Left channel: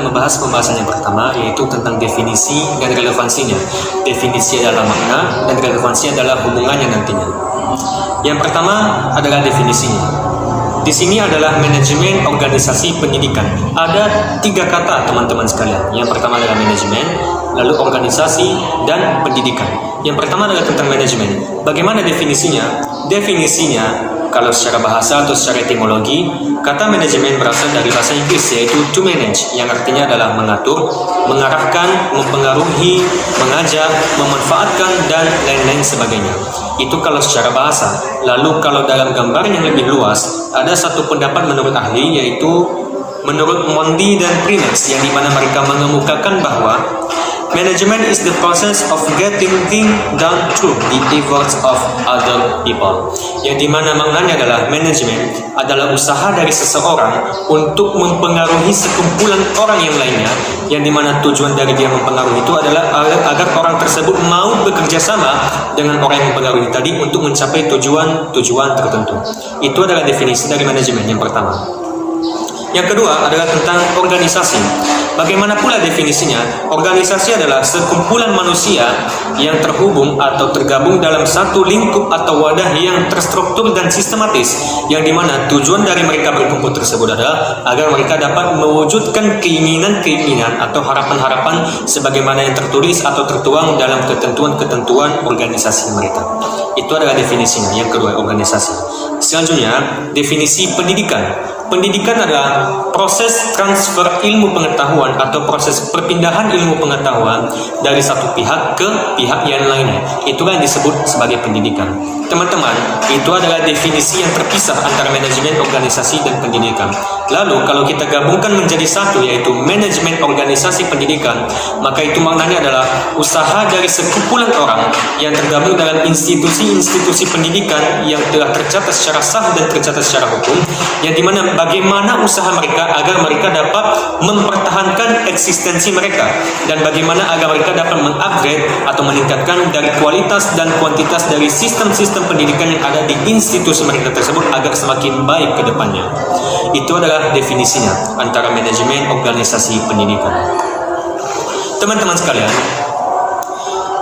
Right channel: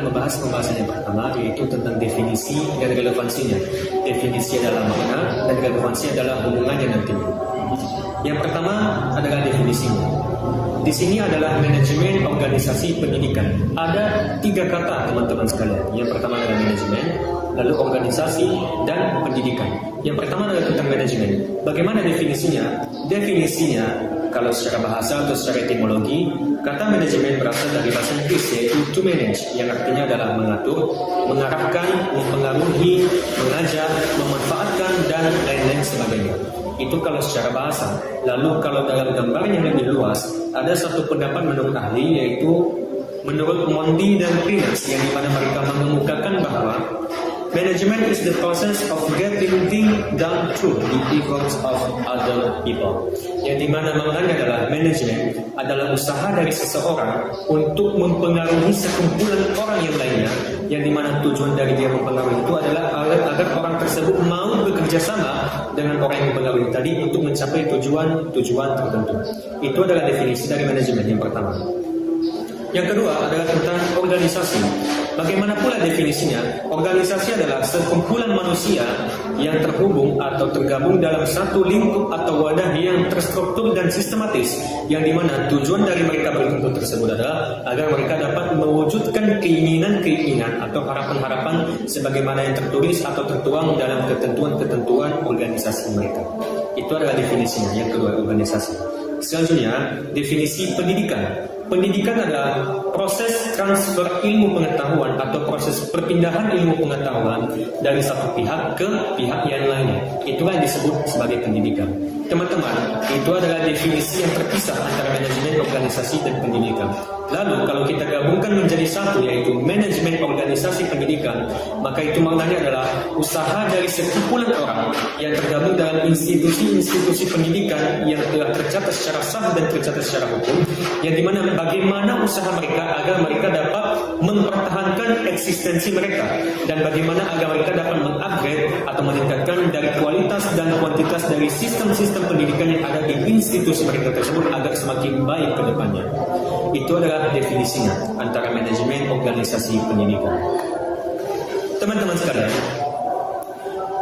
akan membahas pembahasan yang pertama, yaitu tentang definisi dan relevansinya. Definisi adalah makna dan relevansi adalah hubungannya nantinya. Yang pertama adalah definisinya. Di sini adalah manajemen organisasi pendidikan. Ada 3 kata teman-teman sekalian. Yang pertama adalah manajemen, lalu organisasi, dan pendidikan. Yang pertama adalah tentang manajemen. Bagaimana definisinya? Definisinya, kalau secara bahasa atau secara etimologi, kata manajemen berasal dari bahasa Inggris, yaitu to manage, yang artinya adalah mengatur, mengarahkan, mempengaruhi, mengajak, memanfaatkan, dan lain-lain sebagainya. Itu kalau secara bahasa. Lalu kalau dalam gambar yang lebih luas, ada satu pendapat menurut ahli, yaitu menurut Mondi dan Prinex, yang dimana mereka mengemukakan bahwa management is the process of getting things done through the efforts of other people. Yang dimana maknanya adalah manajemen adalah usaha dari seseorang untuk mempengaruhi sekumpulan orang yang lainnya, yang dimana tujuan dari dia mempengaruhi itu adalah agar orang tersebut mau bekerja sama dengan orang yang mempengaruhi tadi untuk mencapai tujuan tertentu. Itu adalah definisi dari manajemen yang pertama. Yang kedua adalah tentang organisasi. Bagaimana pula definisinya? Organisasi adalah sekumpulan manusia yang terhubung atau tergabung dalam satu lingkup atau wadah yang terstruktur dan sistematis, yang dimana tujuan dari mereka berkumpul tersebut adalah agar mereka dapat mewujudkan keinginan-keinginan atau harapan-harapan sebagaimana yang tertulis atau tertuang dalam ketentuan-ketentuan organisasi mereka. Itu adalah definisinya. Yang kedua, organisasi. Selanjutnya, definisi pendidikan. Pendidikan adalah proses transfer ilmu pengetahuan atau proses perpindahan ilmu pengetahuan dari satu pihak ke pihak yang lainnya. Itulah yang disebut sebagai pendidikan. Teman-teman, itu adalah definisi yang terpisah antara manajemen organisasi dan pendidikan. Lalu kalau kita gabungkan menjadi satu, yaitu manajemen organisasi pendidikan, maka itu maknanya adalah usaha dari sekumpulan orang yang tergabung dalam institusi-institusi pendidikan yang telah tercatat secara sah dan tercatat secara hukum, yang dimana bagaimana usaha mereka agar mereka dapat mempertahankan eksistensi mereka, dan bagaimana agar mereka dapat mengupgrade atau meningkatkan dari kualitas dan kuantitas dari sistem-sistem pendidikan yang ada di institusi mereka tersebut agar semakin baik ke depannya. Itu adalah definisinya antara manajemen organisasi pendidikan. Teman-teman sekalian,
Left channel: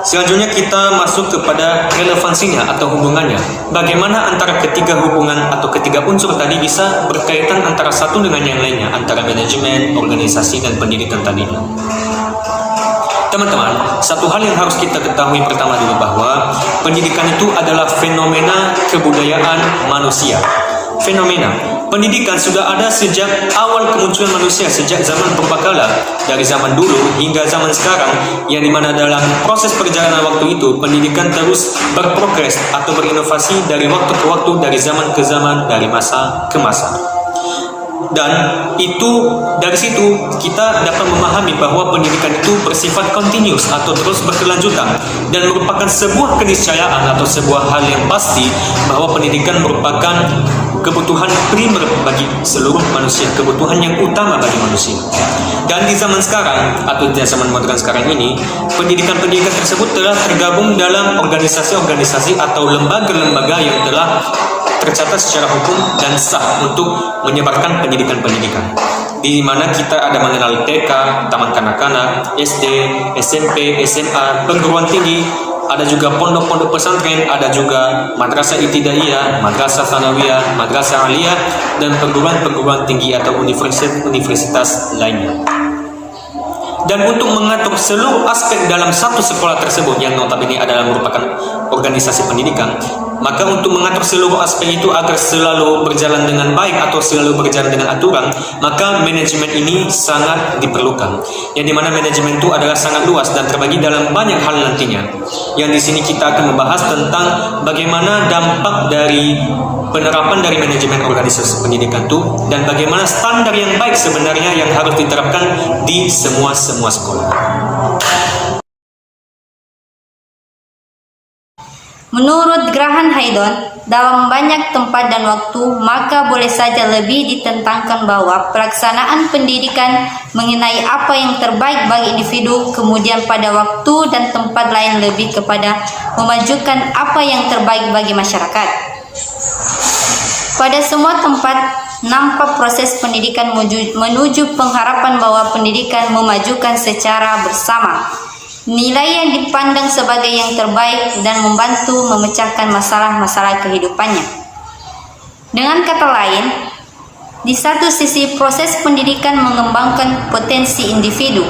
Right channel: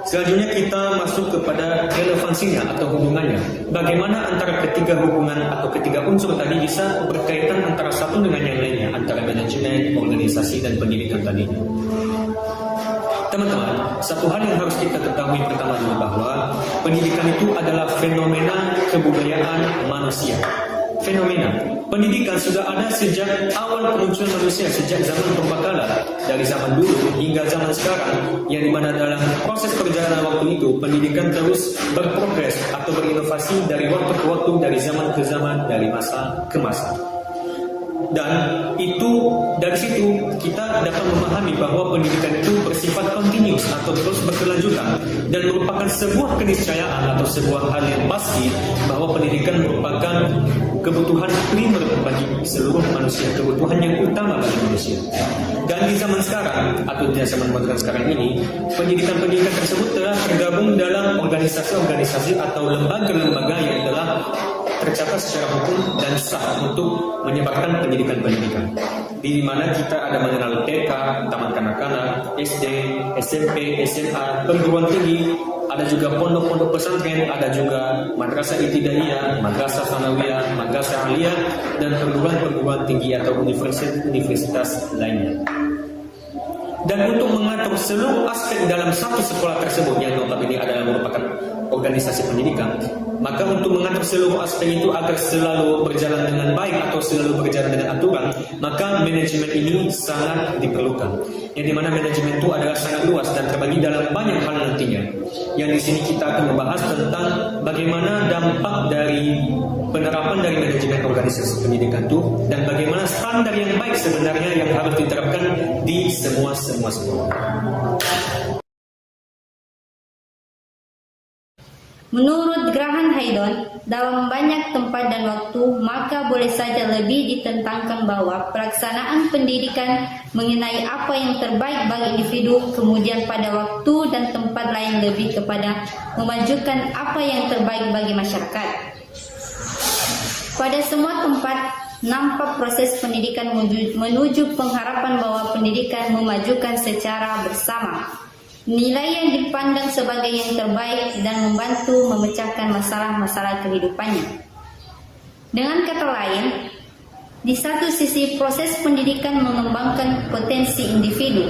selanjutnya kita masuk kepada relevansinya atau hubungannya. Bagaimana antara ketiga hubungan atau ketiga unsur tadi bisa berkaitan antara satu dengan yang lainnya, antara manajemen, organisasi, dan pendidikan tadinya. Teman-teman, satu hal yang harus kita ketahui pertama dulu bahwa pendidikan itu adalah fenomena kebudayaan manusia. Fenomena pendidikan sudah ada sejak awal kemunculan manusia, sejak zaman purbakala, dari zaman dulu hingga zaman sekarang, yang dimana dalam proses perjalanan waktu itu pendidikan terus berprogres atau berinovasi dari waktu ke waktu, dari zaman ke zaman, dari masa ke masa. Dan itu dari situ kita dapat memahami bahwa pendidikan itu bersifat continuous atau terus berkelanjutan, dan merupakan sebuah keniscayaan atau sebuah hal yang pasti bahwa pendidikan merupakan kebutuhan primer bagi seluruh manusia, kebutuhan yang utama bagi manusia. Dan di zaman sekarang atau di zaman modern sekarang ini, pendidikan-pendidikan tersebut telah tergabung dalam organisasi-organisasi atau lembaga-lembaga yang telah tercatat secara hukum dan sah untuk menyebarkan pendidikan-pendidikan. Di mana kita ada mengenal TK, taman kanak-kanak, SD, SMP, SMA, perguruan tinggi, ada juga pondok-pondok pesantren, ada juga madrasah ibtidaiyah, madrasah tsanawiyah, madrasah aliyah, dan perguruan-perguruan tinggi atau universitas lainnya. Dan untuk mengatur seluruh aspek dalam satu sekolah tersebut yang notabene adalah merupakan organisasi pendidikan, maka untuk mengatur seluruh aspek itu agar selalu berjalan dengan baik atau selalu berjalan dengan aturan, maka manajemen ini sangat diperlukan. Yang dimana manajemen itu adalah sangat luas dan terbagi dalam banyak hal nantinya. Yang di sini kita akan membahas tentang bagaimana dampak dari penerapan dari manajemen organisasi pendidikan itu, dan bagaimana standar yang baik sebenarnya yang harus diterapkan di semua sekolah. Menurut Graham Haydon, dalam banyak tempat dan waktu, maka boleh saja lebih ditentangkan bahwa pelaksanaan pendidikan mengenai apa yang terbaik bagi individu, kemudian pada waktu dan tempat lain lebih kepada memajukan apa yang terbaik bagi masyarakat. Pada semua tempat nampak proses pendidikan menuju pengharapan bahwa pendidikan memajukan secara bersama. Nilai yang dipandang sebagai yang terbaik dan membantu memecahkan masalah-masalah kehidupannya. Dengan kata lain, di satu sisi proses pendidikan mengembangkan potensi individu,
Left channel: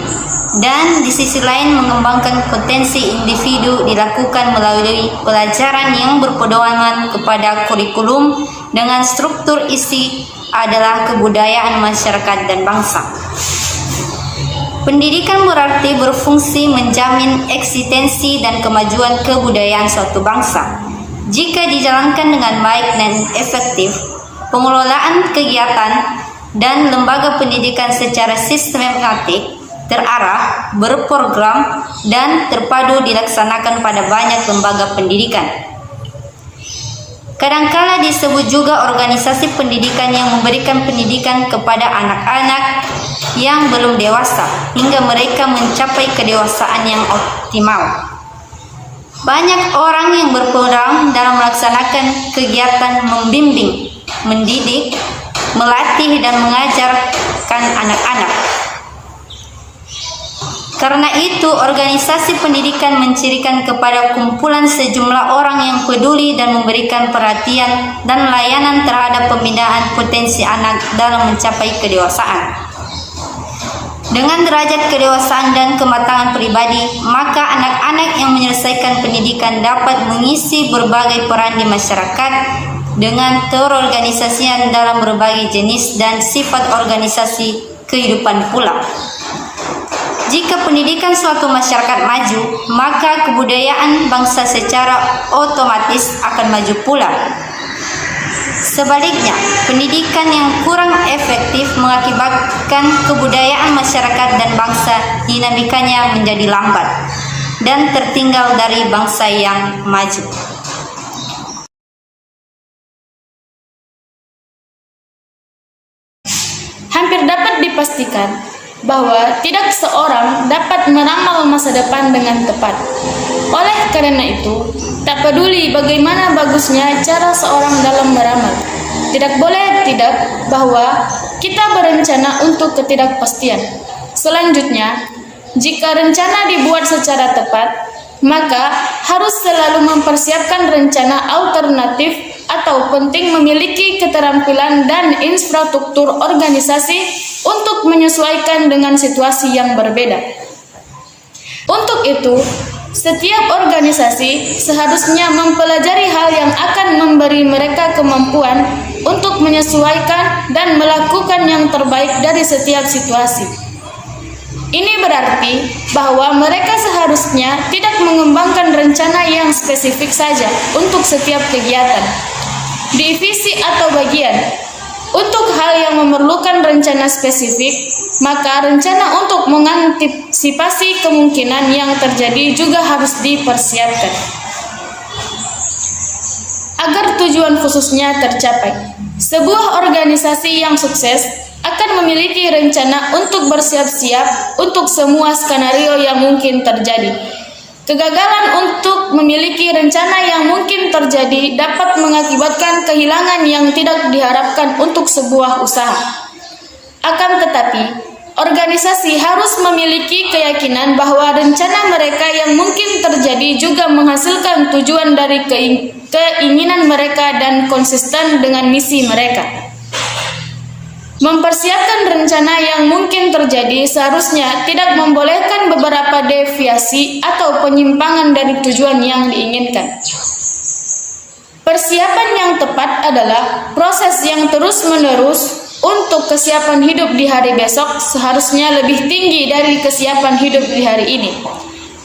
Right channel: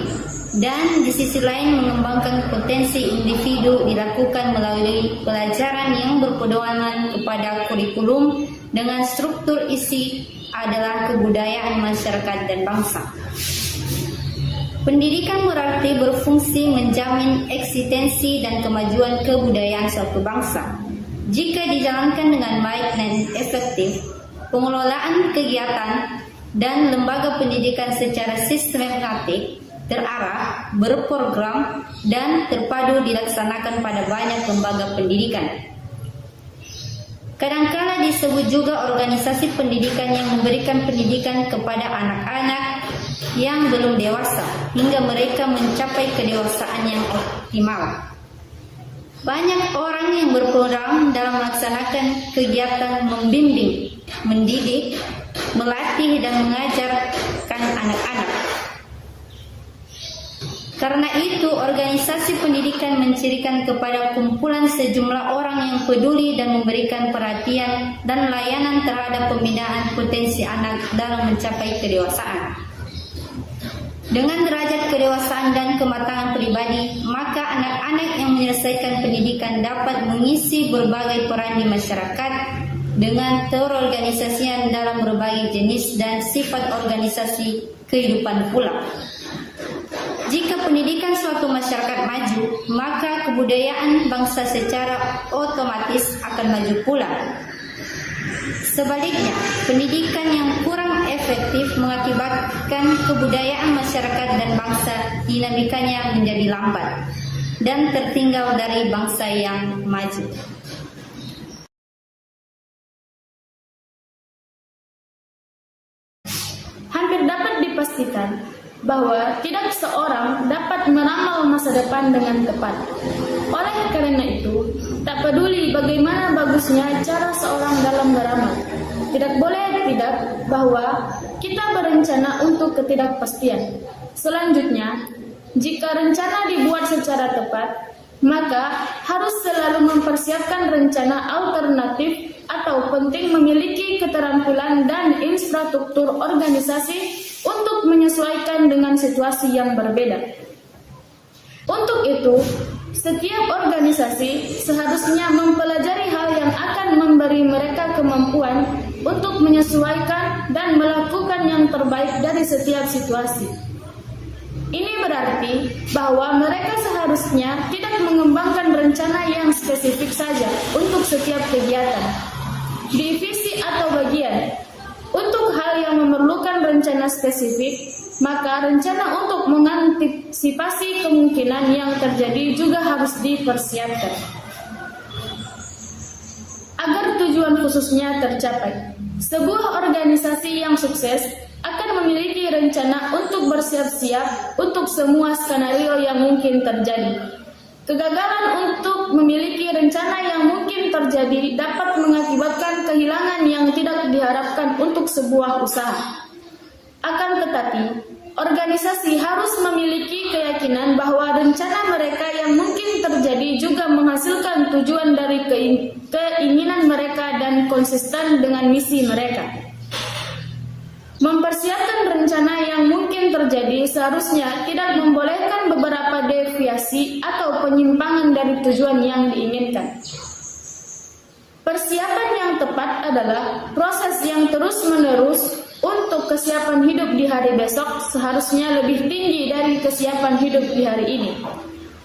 dan di sisi lain mengembangkan potensi individu dilakukan melalui pelajaran yang berpedoman kepada kurikulum dengan struktur isi adalah kebudayaan masyarakat dan bangsa. Pendidikan berarti berfungsi menjamin eksistensi dan kemajuan kebudayaan suatu bangsa. Jika dijalankan dengan baik dan efektif, pengelolaan kegiatan dan lembaga pendidikan secara sistematik, terarah, berprogram, dan terpadu dilaksanakan pada banyak lembaga pendidikan. Kadangkala disebut juga organisasi pendidikan yang memberikan pendidikan kepada anak-anak yang belum dewasa hingga mereka mencapai kedewasaan yang optimal. Banyak orang yang berperan dalam melaksanakan kegiatan membimbing, mendidik, melatih, dan mengajarkan anak-anak. Karena itu, organisasi pendidikan mencirikan kepada kumpulan sejumlah orang yang peduli dan memberikan perhatian dan layanan terhadap pembinaan potensi anak dalam mencapai kedewasaan. Dengan derajat kedewasaan dan kematangan pribadi, maka anak-anak yang menyelesaikan pendidikan dapat mengisi berbagai peran di masyarakat dengan terorganisasian dalam berbagai jenis dan sifat organisasi kehidupan pula. Jika pendidikan suatu masyarakat maju, maka kebudayaan bangsa secara otomatis akan maju pula. Sebaliknya, pendidikan yang kurang efektif mengakibatkan kebudayaan masyarakat dan bangsa dinamikanya menjadi lambat dan tertinggal dari bangsa yang maju. Hampir dapat dipastikan bahwa tidak seorang dapat meramal masa depan dengan tepat. Oleh karena itu, tak peduli bagaimana bagusnya cara seorang dalam meramal, tidak boleh tidak bahwa kita berencana untuk ketidakpastian. Selanjutnya, jika rencana dibuat secara tepat, maka harus selalu mempersiapkan rencana alternatif atau penting memiliki keterampilan dan infrastruktur organisasi untuk menyesuaikan dengan situasi yang berbeda. Untuk itu, setiap organisasi seharusnya mempelajari hal yang akan memberi mereka kemampuan untuk menyesuaikan dan melakukan yang terbaik dari setiap situasi. Ini berarti bahwa mereka seharusnya tidak mengembangkan rencana yang spesifik saja untuk setiap kegiatan, divisi atau bagian. Untuk hal yang memerlukan rencana spesifik, maka rencana untuk mengantisipasi kemungkinan yang terjadi juga harus dipersiapkan agar tujuan khususnya tercapai. Sebuah organisasi yang sukses akan memiliki rencana untuk bersiap-siap untuk semua skenario yang mungkin terjadi. Kegagalan untuk memiliki rencana yang mungkin terjadi dapat mengakibatkan kehilangan yang tidak diharapkan untuk sebuah usaha. Akan tetapi, organisasi harus memiliki keyakinan bahwa rencana mereka yang mungkin terjadi juga menghasilkan tujuan dari keinginan mereka dan konsisten dengan misi mereka. Mempersiapkan rencana yang mungkin terjadi seharusnya tidak membolehkan beberapa deviasi atau penyimpangan dari tujuan yang diinginkan. Persiapan yang tepat adalah proses yang terus-menerus untuk kesiapan hidup di hari besok seharusnya lebih tinggi dari kesiapan hidup di hari ini.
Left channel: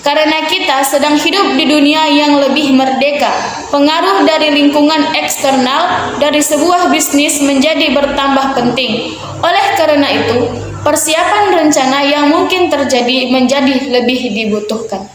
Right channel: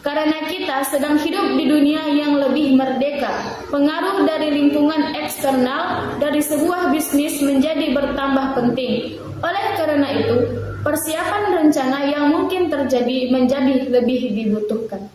Karena kita sedang hidup di dunia yang lebih merdeka, pengaruh dari lingkungan eksternal dari sebuah bisnis menjadi bertambah penting. Oleh karena itu, persiapan rencana yang mungkin terjadi menjadi lebih dibutuhkan.